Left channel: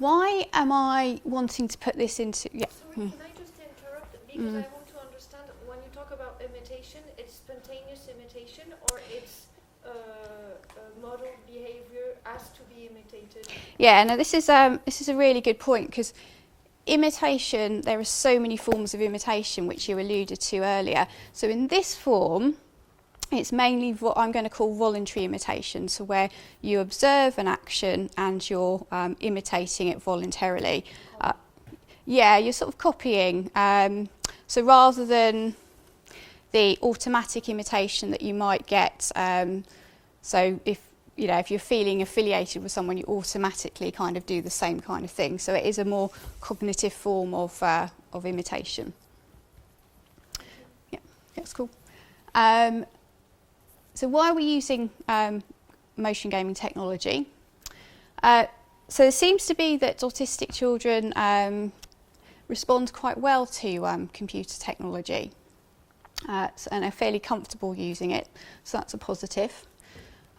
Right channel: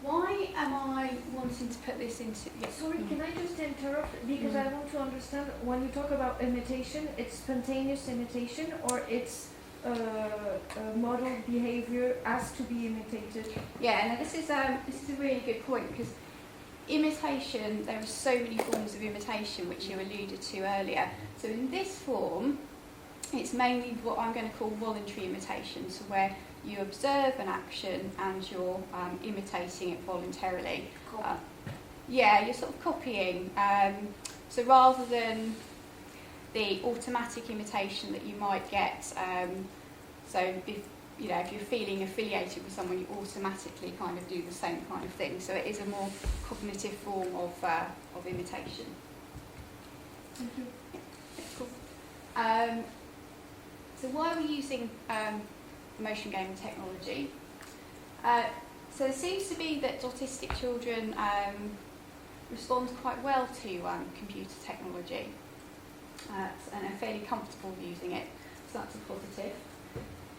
why am I wanting to put this into... Yeah. Sorry, can I just interrupt? Because I want to understand, when you talk about imitation, it's spontaneous imitation, or it's model behavior asked to be imitated? Yeah, no, this is a really good point, because imitation, there are so many forms of imitation, which you alluded to earlier. So in this form, it's mainly what I'm going to call voluntary imitation, so where you observe an action and you're imitating it voluntarily. Yeah, you're sort of copying. So rather than the automatic imitation that you might get, so if you're feeling affiliated with someone, you automatically kind of do the same kind of thing. So it is a more cognitive form of imitation. Thank you. Yeah, that's cool. So why are we using motion gaming technology? So it seems to be that autistic children respond quite well to computer technology and are fairly comfortable using it, so that's a positive.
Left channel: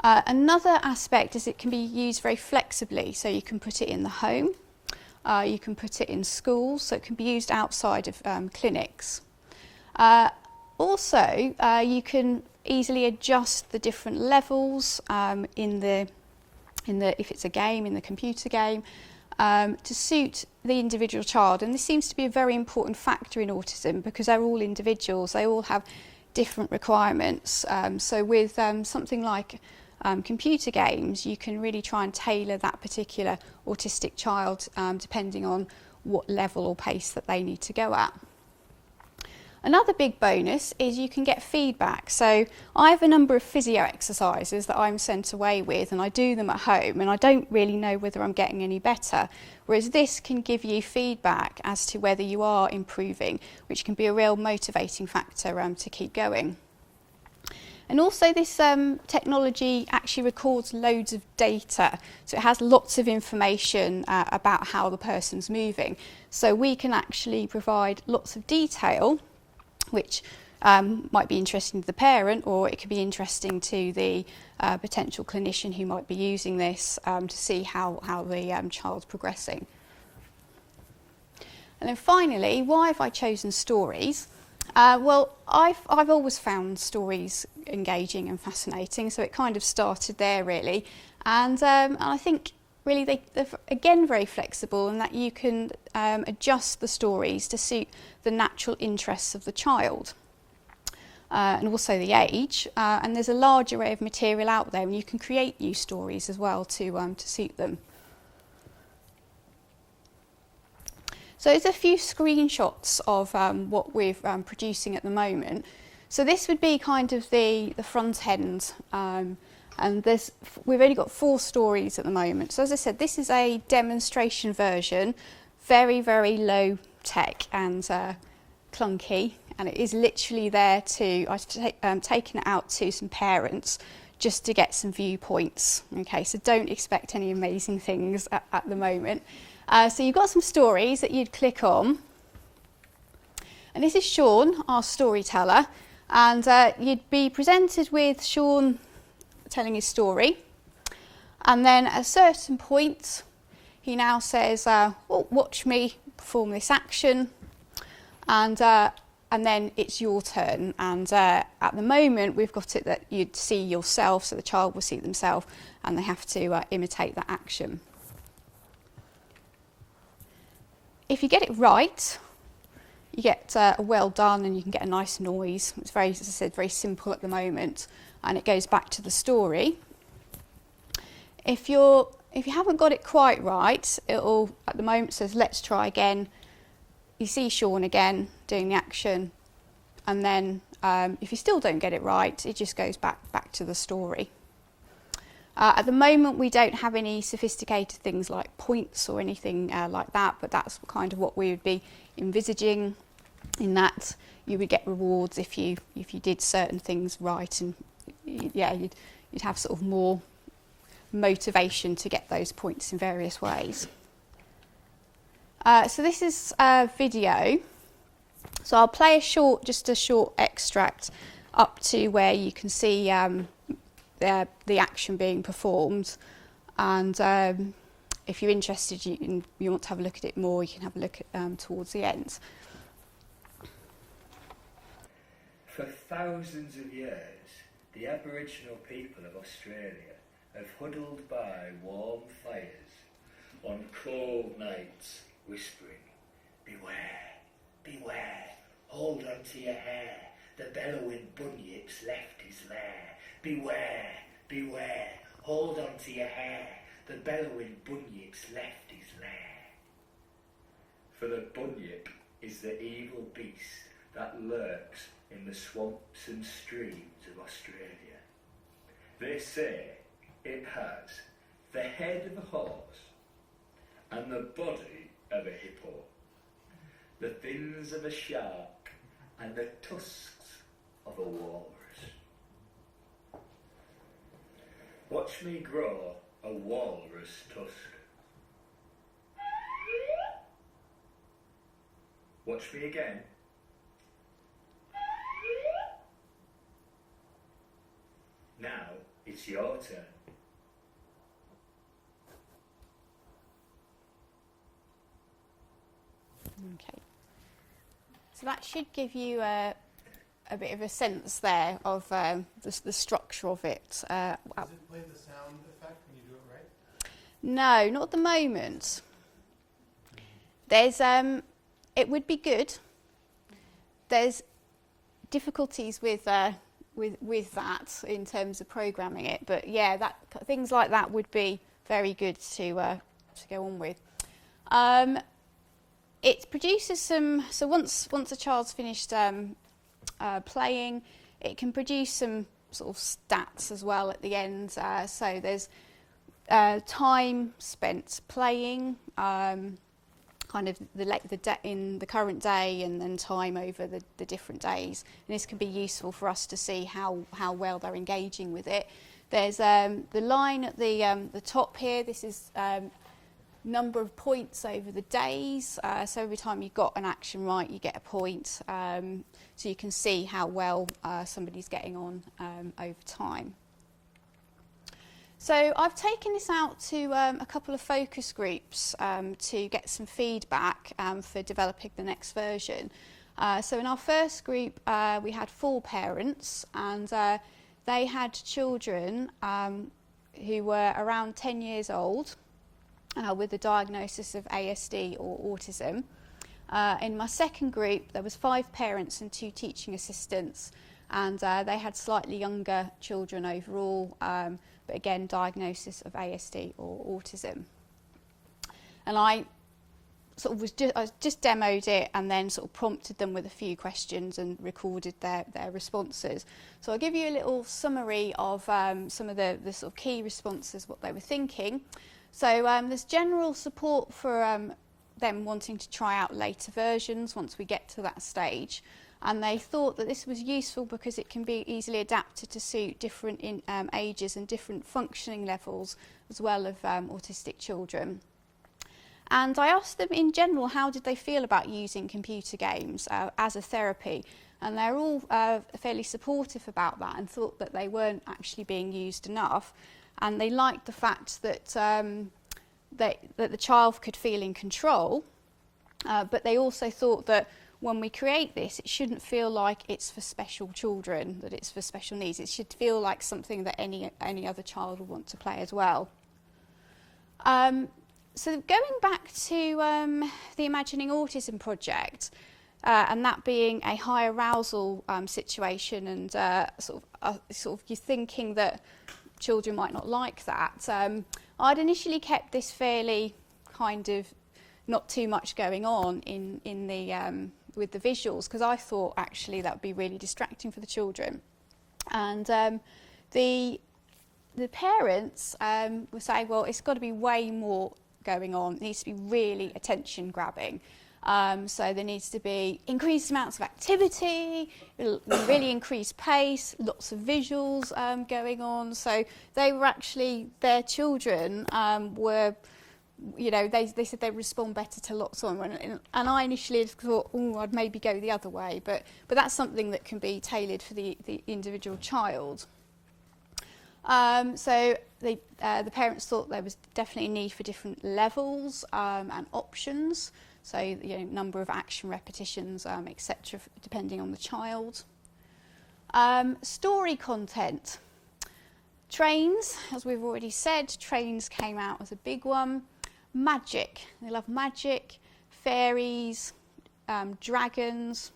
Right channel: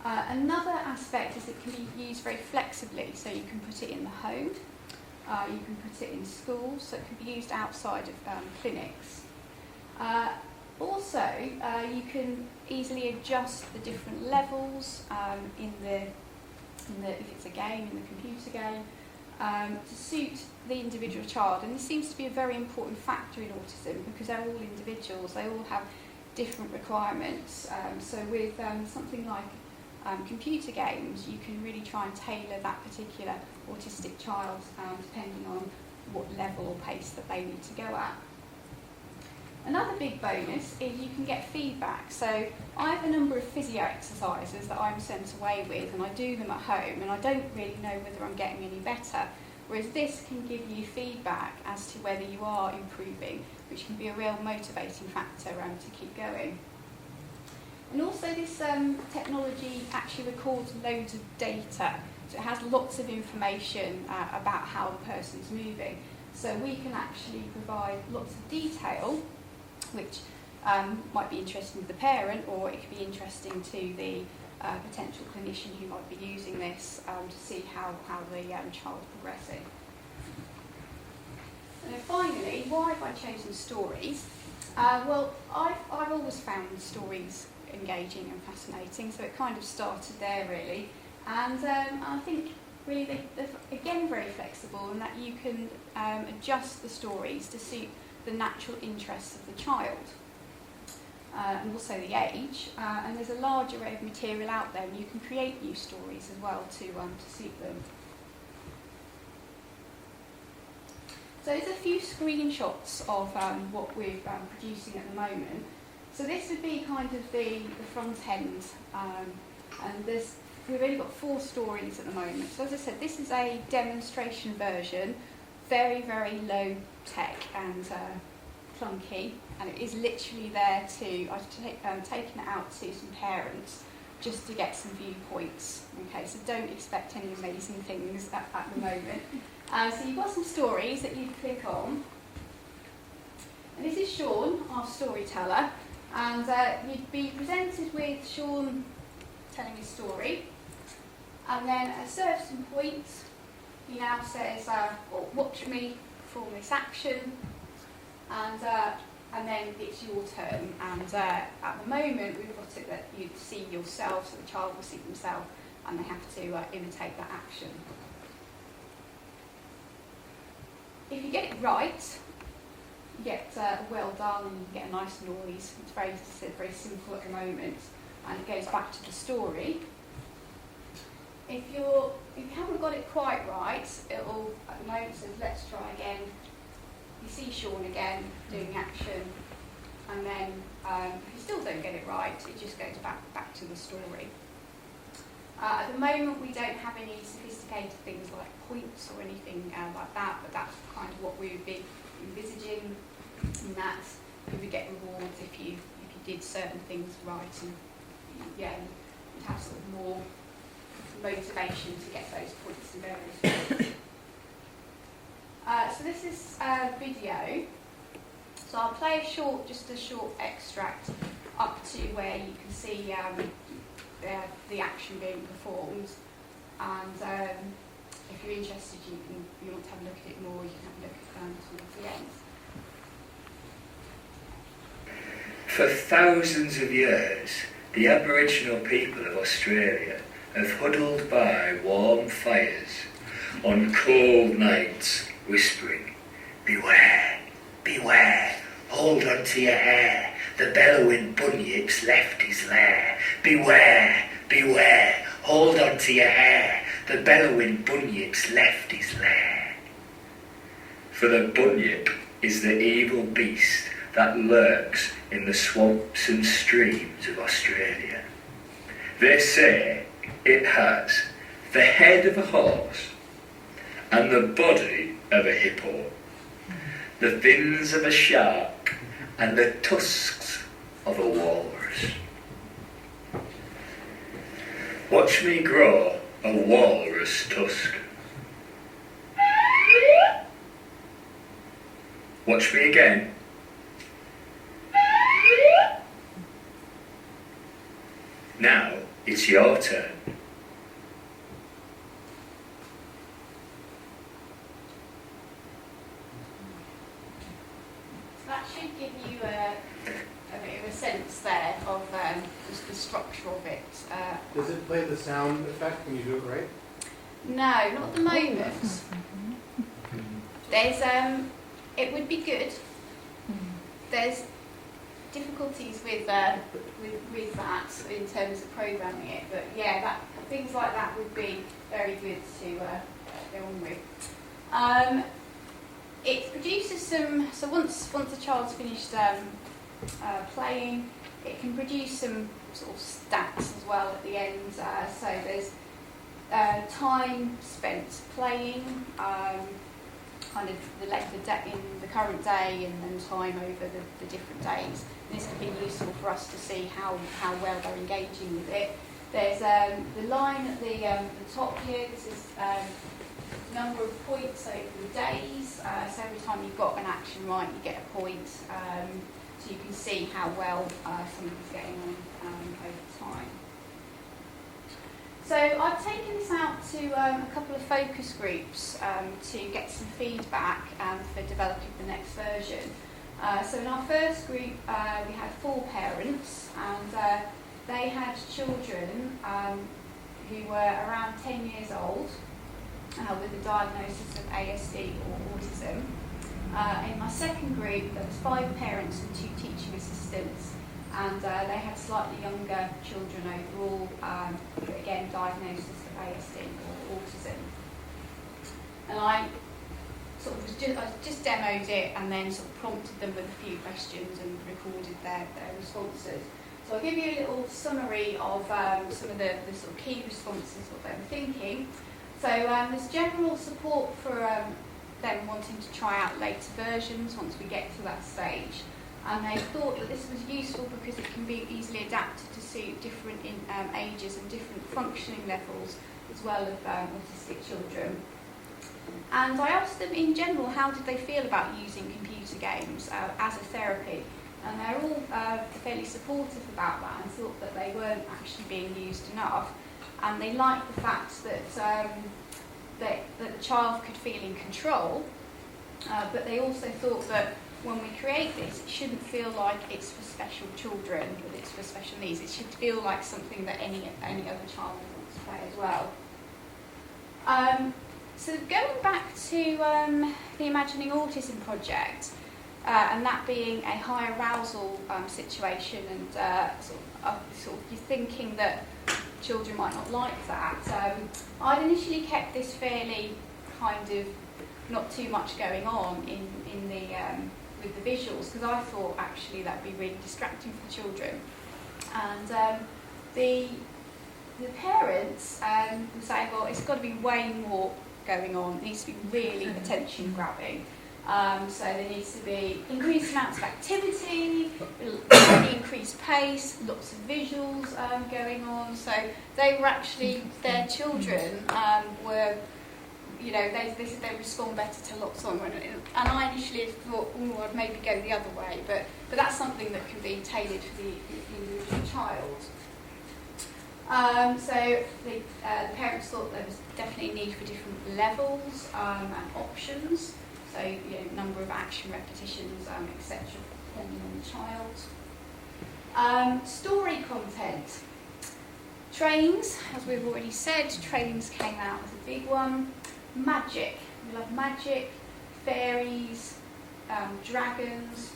Another aspect is it can be used very flexibly, so you can put it in the home, you can put it in schools, so it can be used outside of clinics. Also, you can easily adjust the different levels if it's a game, in the computer game, to suit the individual child. And this seems to be a very important factor in autism, because they're all individuals, they all have different requirements. So with something like computer games, you can really try and tailor that particular autistic child depending on what level or pace that they need to go at. Another big bonus is you can get feedback. So I have a number of physio exercises that I'm sent away with, and I do them at home, and I don't really know whether I'm getting any better. Whereas this can give you feedback as to whether you are improving, which can be a real motivating factor to keep going. And also this technology actually records loads of data. So it has lots of information about how the person's moving. So we can actually provide lots of detail, which might be interesting to the parent, or it could be interesting to the potential clinician who might be using this to see how the child's progressing. And then finally, why have I chosen stories? Well, I've always found stories engaging and fascinating, so it kind of started there really. And I think really they're again very flexible, in that you can adjust the stories to suit the natural interests of the child and also the age, and there's a large array of material out there, and you can create new stories as well to suit them. So there's a few screenshots of what we're producing at the moment. So this would be kind of the front end, and we've only got 4 stories at the moment. So as I said, this is a demonstration version, very, very low tech and clunky, and it is literally there I've taken it out to some parents just to get some viewpoints. Okay, so don't expect any amazing things at the moment. So you've got some stories that you'd click on, and this is Sean, our storyteller, and you'd be presented with Sean telling his story, and then at a certain point he now says, well, watch me perform this action, and then it's your turn. And at the moment we've got it that you'd see yourself, so the child will see themselves, and they have to imitate that action. If you get it right, you get a well done, and you can get a nice noise. It's very, as I said, very simple at the moment, and it goes back to the story. If you haven't got it quite right, it'll at the moment says let's try again. You see Sean again doing the action, and then if you still don't get it right, it just goes back to the story. At the moment we don't have any sophisticated things like points or anything like that, but that's kind of what we would be envisaging, in that you would get rewards if you did certain things right, and you'd have sort of more motivation to get those points in various ways. So this is a video. So I'll play just a short extract up to where you can see the action being performed, and if you're interested, you want to have a look at it more, you can have a look at towards the end. For thousands of years, the Aboriginal people of Australia have huddled by warm fires on cold nights, whispering, "Beware, beware, hold on to your hair, the bellowing bunyip's left his lair. Beware, beware, hold on to your hair, the bellowing bunyip's left his lair." For the bunyip is the evil beast that lurks in the swamps and streams of Australia. They say it has the head of a horse and the body of a hippo, the fins of a shark and the tusks of a walrus. Watch me grow a walrus tusk. Watch me again. Now it's your turn. So that should give you a bit of a sense there of the structure of it. Does it play the sound effect when you do it right? No, not at the moment. There's it would be good. There's difficulties with that in terms of programming it, but yeah, that things like that would be very good to go on with. It produces some. So once a child's finished playing, it can produce some sort of stats as well at the end. So there's time spent playing, kind of in the current day, and then time over the different days. And this can be useful for us to see how well they're engaging with it. There's the line at the top here. This is number of points over the days. So every time you've got an action right, you get a point. So you can see how well somebody's getting on over time. So I've taken this out to a couple of focus groups to get some feedback for developing the next version. So in our first group, we had 4 parents, and they had children who were around 10 years old with a diagnosis of ASD or autism. In my second group, there was 5 parents and 2 teaching assistants, and they had slightly younger children overall, but again, diagnosis of ASD or autism. And I sort of just demoed it and then sort of prompted them with a few questions and recorded their responses. So I'll give you a little summary of some of the sort of key responses, what they were thinking. So there's general support for them wanting to try out later versions once we get to that stage. And they thought that this was useful because it can be easily adapted to suit different ages and different functioning levels as well of autistic children. And I asked them in general, how did they feel about using computer games as a therapy? And they're all fairly supportive about that and thought that they weren't actually being used enough. And they liked the fact that that the child could feel in control, but they also thought that when we create this, it shouldn't feel like it's for special children, that it's for special needs. It should feel like something that any other child would want to play as well. So going back to the Imagining Autism project, and that being a high arousal situation, and sort of you're thinking that children might not like that. I'd initially kept this fairly kind of not too much going on in the with the visuals, because I thought actually that would be really distracting for the children. And the parents were saying, well, it's got to be way more going on. It needs to be really attention grabbing. So there needs to be increased amounts of activity, really increased pace, lots of visuals going on. So they were actually, their children were, you know, they said they respond better to lots on. And I initially thought, oh, I'd maybe go the other way. But that's something that can be tailored for the individual child. So the parents thought there was definitely a need for different levels and options. So, number of action repetitions, etc., depending on the child. Story content. Trains, as we've already said, trains came out as a big one. Magic. We love magic, fairies, dragons.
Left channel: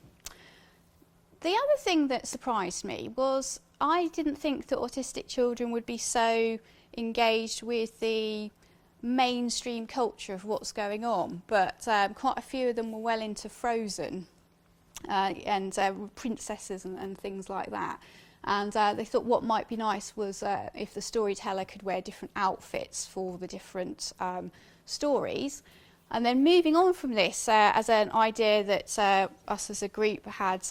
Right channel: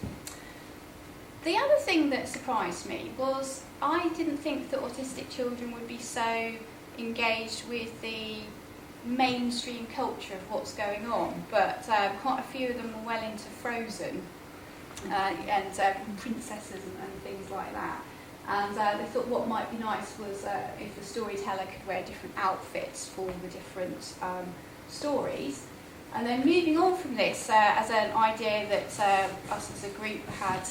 The other thing that surprised me was I didn't think that autistic children would be so engaged with the mainstream culture of what's going on, but quite a few of them were well into Frozen and princesses and things like that. And they thought what might be nice was if the storyteller could wear different outfits for the different stories. And then moving on from this, as an idea that us as a group had,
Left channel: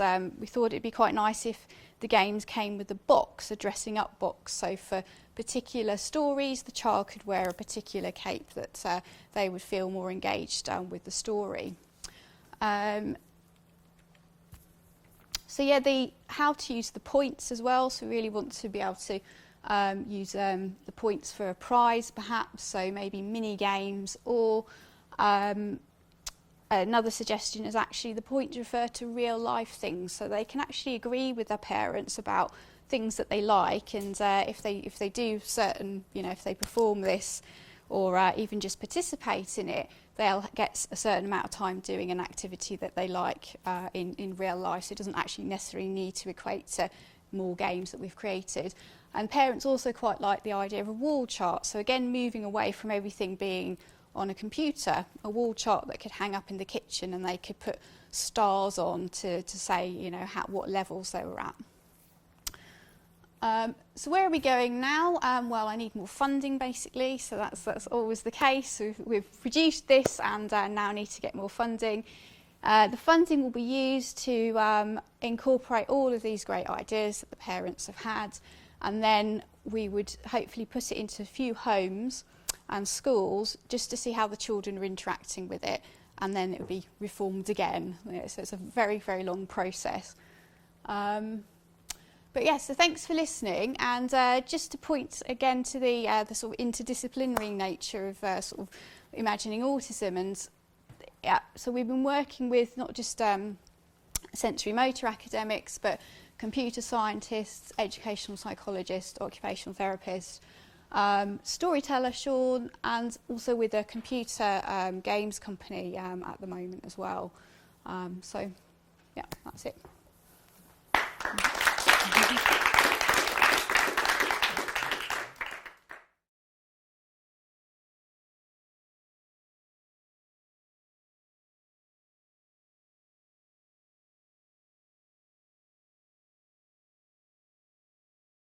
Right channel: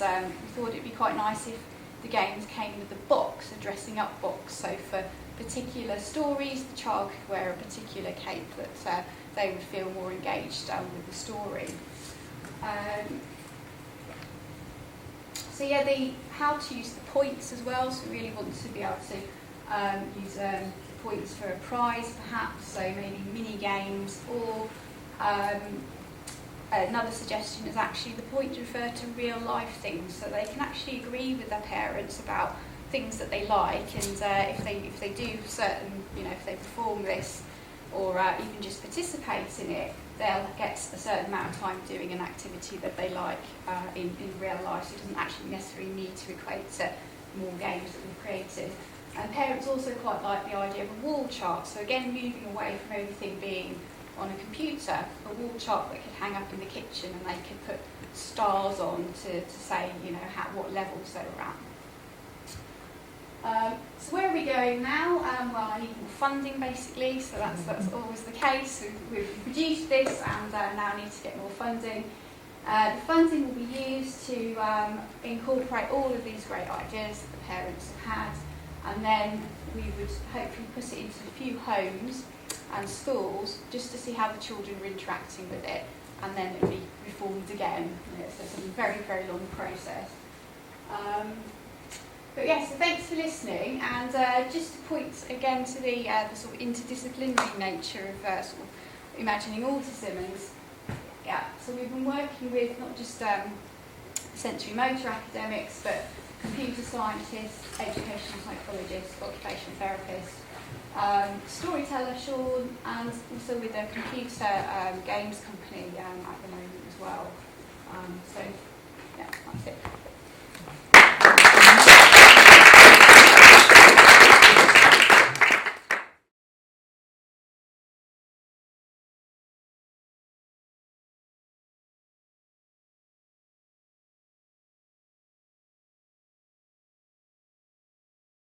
we thought it'd be quite nice if the games came with a box, a dressing up box. So for particular stories, the child could wear a particular cape that they would feel more engaged with the story. So yeah, how to use the points as well. So we really want to be able to use the points for a prize perhaps, so maybe mini games, or another suggestion is actually the points refer to real life things, so they can actually agree with their parents about things that they like, and if they do certain, if they perform this or even just participate in it, they'll get a certain amount of time doing an activity that they like in real life, so it doesn't actually necessarily need to equate to more games that we've created. And parents also quite like the idea of a wall chart, so again moving away from everything being on a computer, a wall chart that could hang up in the kitchen and they could put stars on to say what levels they were at. So where are we going now? Well, I need more funding basically, so that's always the case. We've produced this and now need to get more funding. The funding will be used to incorporate all of these great ideas that the parents have had, and then we would hopefully put it into a few homes and schools just to see how the children are interacting with it, and then it will be reformed again. So it's a very, very long process. But yeah, so thanks for listening, and just to point again to the sort of interdisciplinary nature of sort of imagining autism, and so we've been working with not just sensory motor academics, but computer scientists, educational psychologists, occupational therapists, storyteller Sean, and also with a computer games company at the moment as well. So yeah, that's it.